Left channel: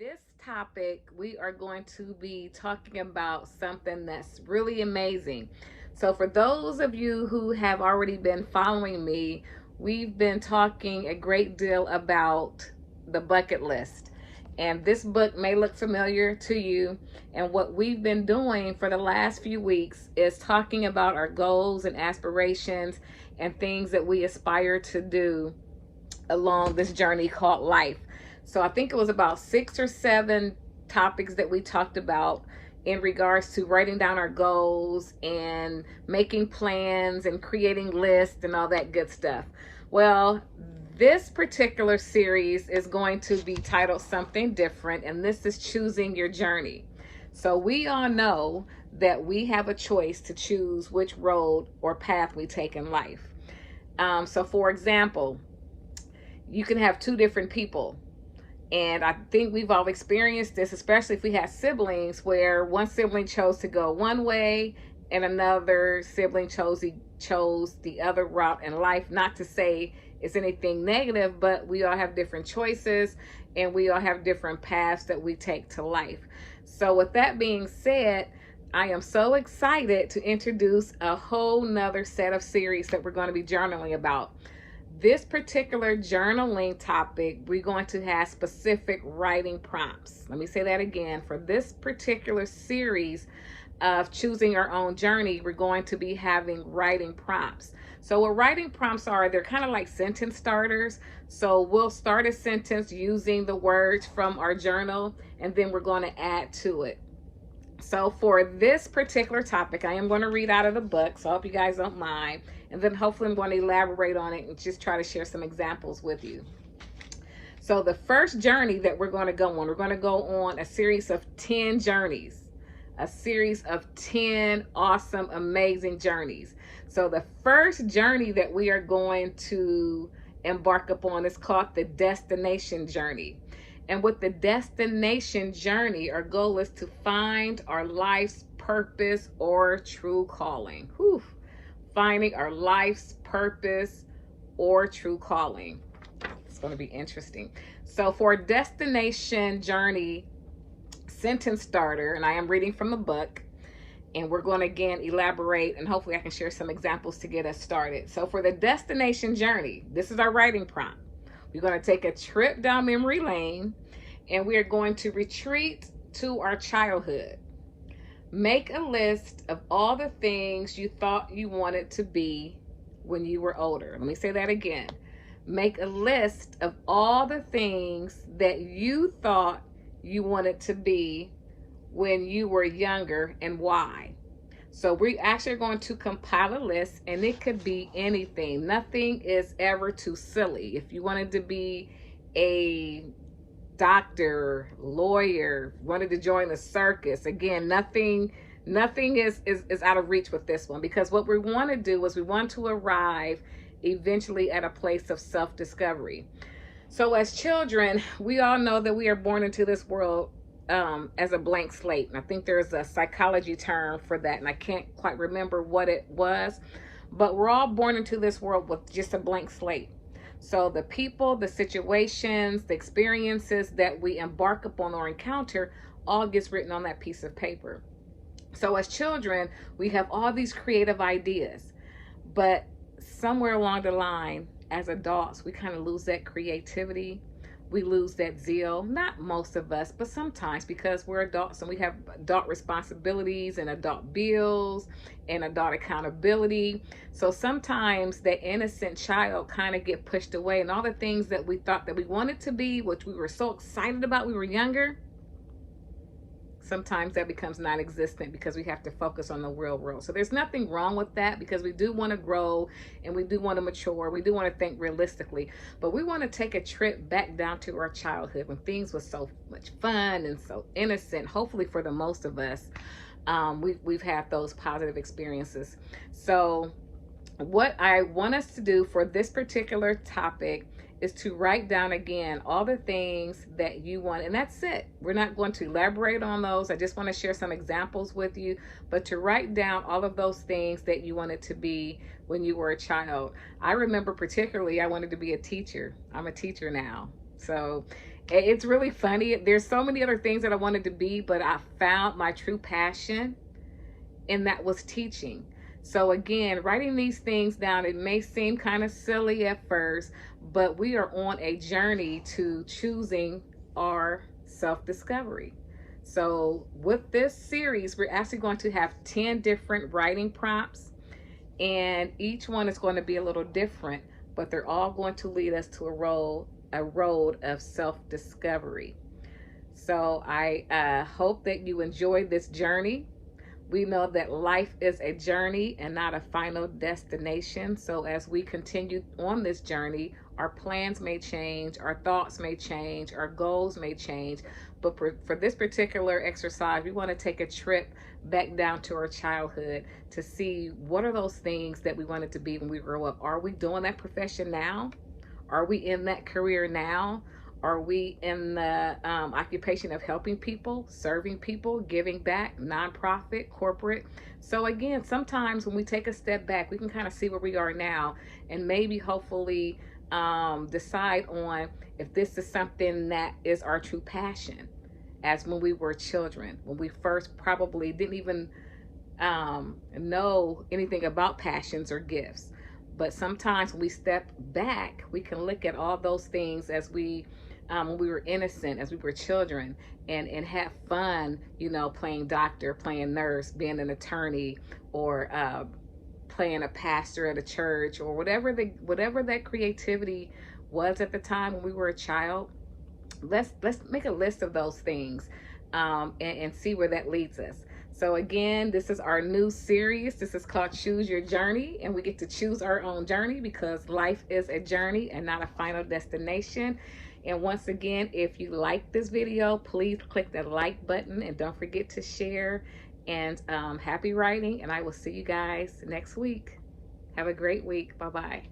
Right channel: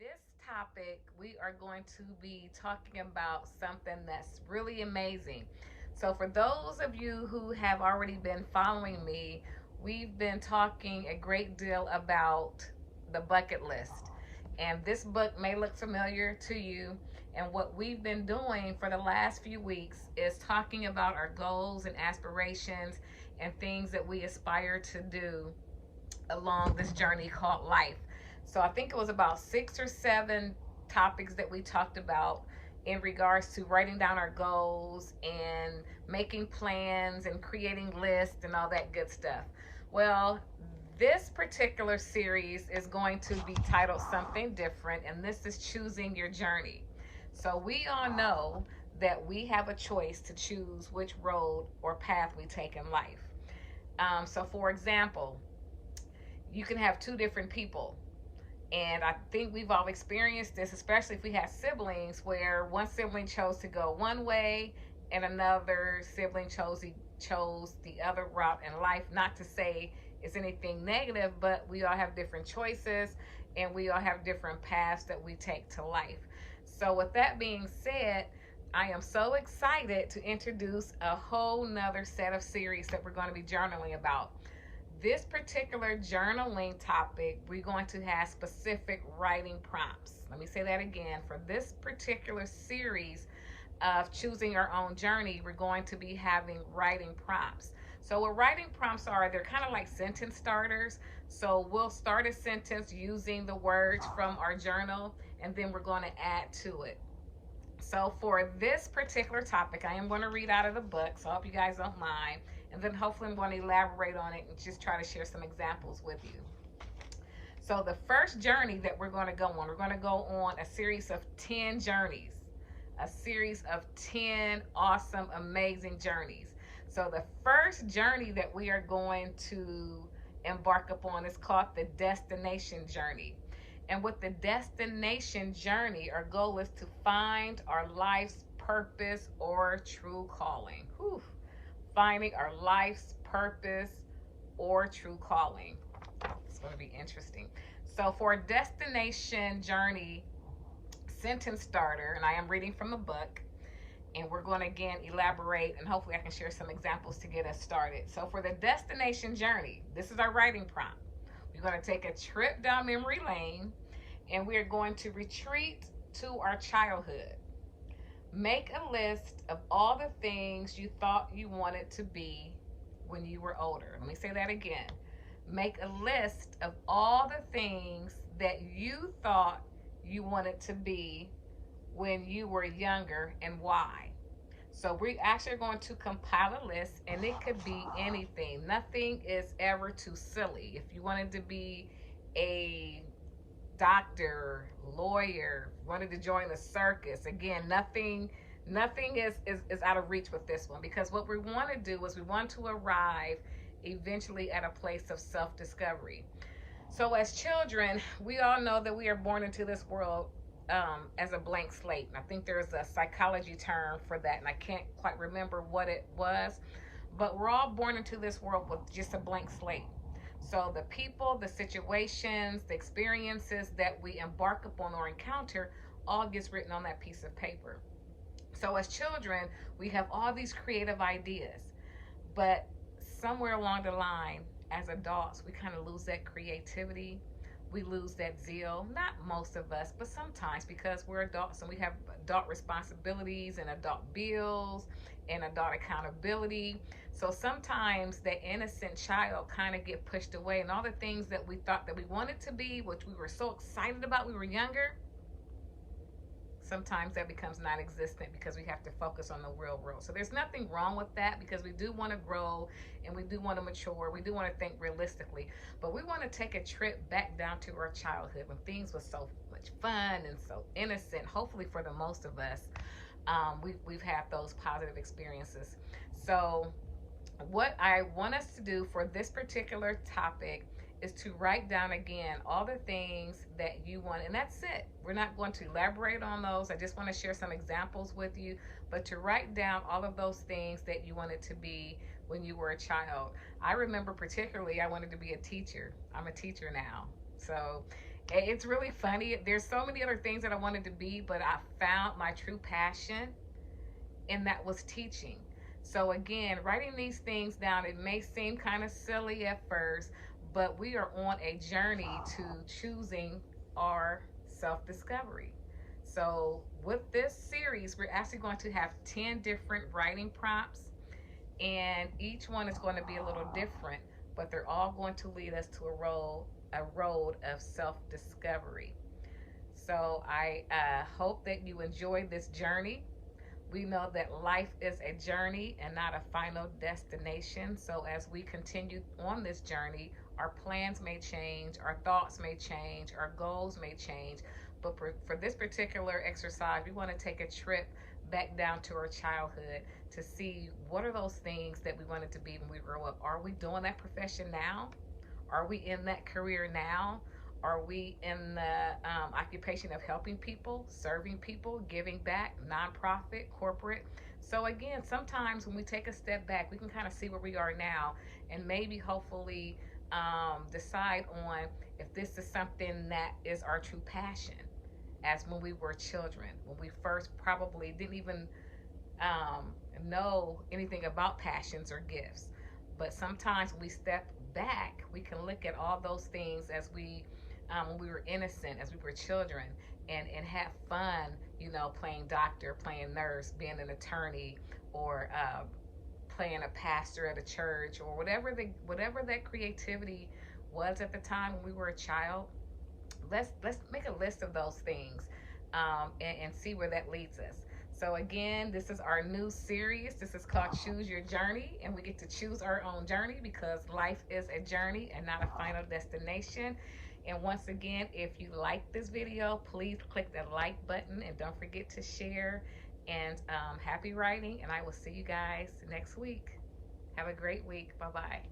This topic, we are going to be talking about something that's really amazing. So, for those of you who have already been following me, we've been talking a great deal about the bucket list. And this book may look familiar to you. And what we've been doing for the last few weeks is talking about our goals and aspirations and things that we aspire to do along this journey called life. So I think it was about 6 or 7 topics that we talked about in regards to writing down our goals and making plans and creating lists and all that good stuff. Well, this particular series is going to be titled something different, and this is choosing your journey. So we all know that we have a choice to choose which road or path we take in life. So, for example, you can have two different people. And I think we've all experienced this, especially if we have siblings, where one sibling chose to go one way and another sibling chose the other route in life. Not to say it's anything negative, but we all have different choices and we all have different paths that we take to life. So with that being said, I am so excited to introduce a whole nother set of series that we're going to be journaling about. This particular journaling topic, we're going to have specific writing prompts. Let me say that again. For this particular series of choosing our own journey, we're going to be having writing prompts. So what writing prompts are, they're kind of like sentence starters. So we'll start a sentence using the words from our journal, and then we're going to add to it. So for this particular topic, I am going to read out of the book, so I hope you guys don't mind. And then hopefully I'm going to elaborate on it and just try to share some examples with you. So the first journey that we're going to go on, we're going to go on a series of 10 journeys. A series of 10 awesome, amazing journeys. So the first journey that we are going to embark upon is called the destination journey. And with the destination journey, our goal is to find our life's purpose or true calling. Whew. Finding our life's purpose or true calling. It's going to be interesting. So, for a destination journey sentence starter, and I am reading from the book, and we're going to again elaborate and hopefully I can share some examples to get us started. So, for the destination journey, this is our writing prompt. We're going to take a trip down memory lane and we are going to retreat to our childhood. Make a list of all the things you thought you wanted to be when you were older. Let me say that again. Make a list of all the things that you thought you wanted to be when you were younger and why. So we actually are going to compile a list, and it could be anything. Nothing is ever too silly. If you wanted to be a doctor, lawyer, wanted to join the circus, again, nothing is out of reach with this one, because what we want to do is we want to arrive eventually at a place of self-discovery. So as children, we all know that we are born into this world as a blank slate. And I think there's a psychology term for that, and I can't quite remember what it was, but we're all born into this world with just a blank slate. So the people, the situations, the experiences that we embark upon or encounter all gets written on that piece of paper. So as children, we have all these creative ideas, but somewhere along the line, as adults, we kind of lose that creativity. We lose that zeal. Not most of us, but sometimes, because we're adults and we have adult responsibilities and adult bills and adult accountability. So sometimes that innocent child kind of get pushed away, and all the things that we thought that we wanted to be, which we were so excited about when we were younger, sometimes that becomes non-existent because we have to focus on the real world. So there's nothing wrong with that, because we do want to grow and we do want to mature. We do want to think realistically, but we want to take a trip back down to our childhood when things were so much fun and so innocent. Hopefully for the most of us, we've had those positive experiences. So what I want us to do for this particular topic is to write down again all the things that you want, and that's it. We're not going to elaborate on those. I just want to share some examples with you, but to write down all of those things that you wanted to be when you were a child. I remember particularly I wanted to be a teacher. I'm a teacher now. So, It's really funny. There's so many other things that I wanted to be, but I found my true passion, and that was teaching. So again, writing these things down, it may seem kind of silly at first, but we are on a journey to choosing our self-discovery. So with this series, we're actually going to have 10 different writing prompts, and each one is going to be a little different, but they're all going to lead us to a road of self-discovery. So I hope that you enjoy this journey. We know that life is a journey and not a final destination. So as we continue on this journey, our plans may change, our thoughts may change, our goals may change. But for this particular exercise, we want to take a trip back down to our childhood to see what are those things that we wanted to be when we grow up. Are we doing that profession now? Are we in that career now? Are we in the occupation of helping people, serving people, giving back, nonprofit, corporate? So, again, sometimes when we take a step back, we can kind of see where we are now and maybe hopefully decide on if this is something that is our true passion, as when we were children, when we first probably didn't even know anything about passions or gifts. But sometimes when we step back, we can look at all those things as when we were innocent, as we were children, and have fun, playing doctor, playing nurse, being an attorney, or playing a pastor at a church, or whatever that creativity was at the time when we were a child. Let's make a list of those things, and see where that leads us. So again, this is our new series. This is called Choose Your Journey, and we get to choose our own journey because life is a journey and not a final destination. And once again, if you like this video, please click the like button and don't forget to share. And happy writing, and I will see you guys next week. Have a great week. Bye-bye.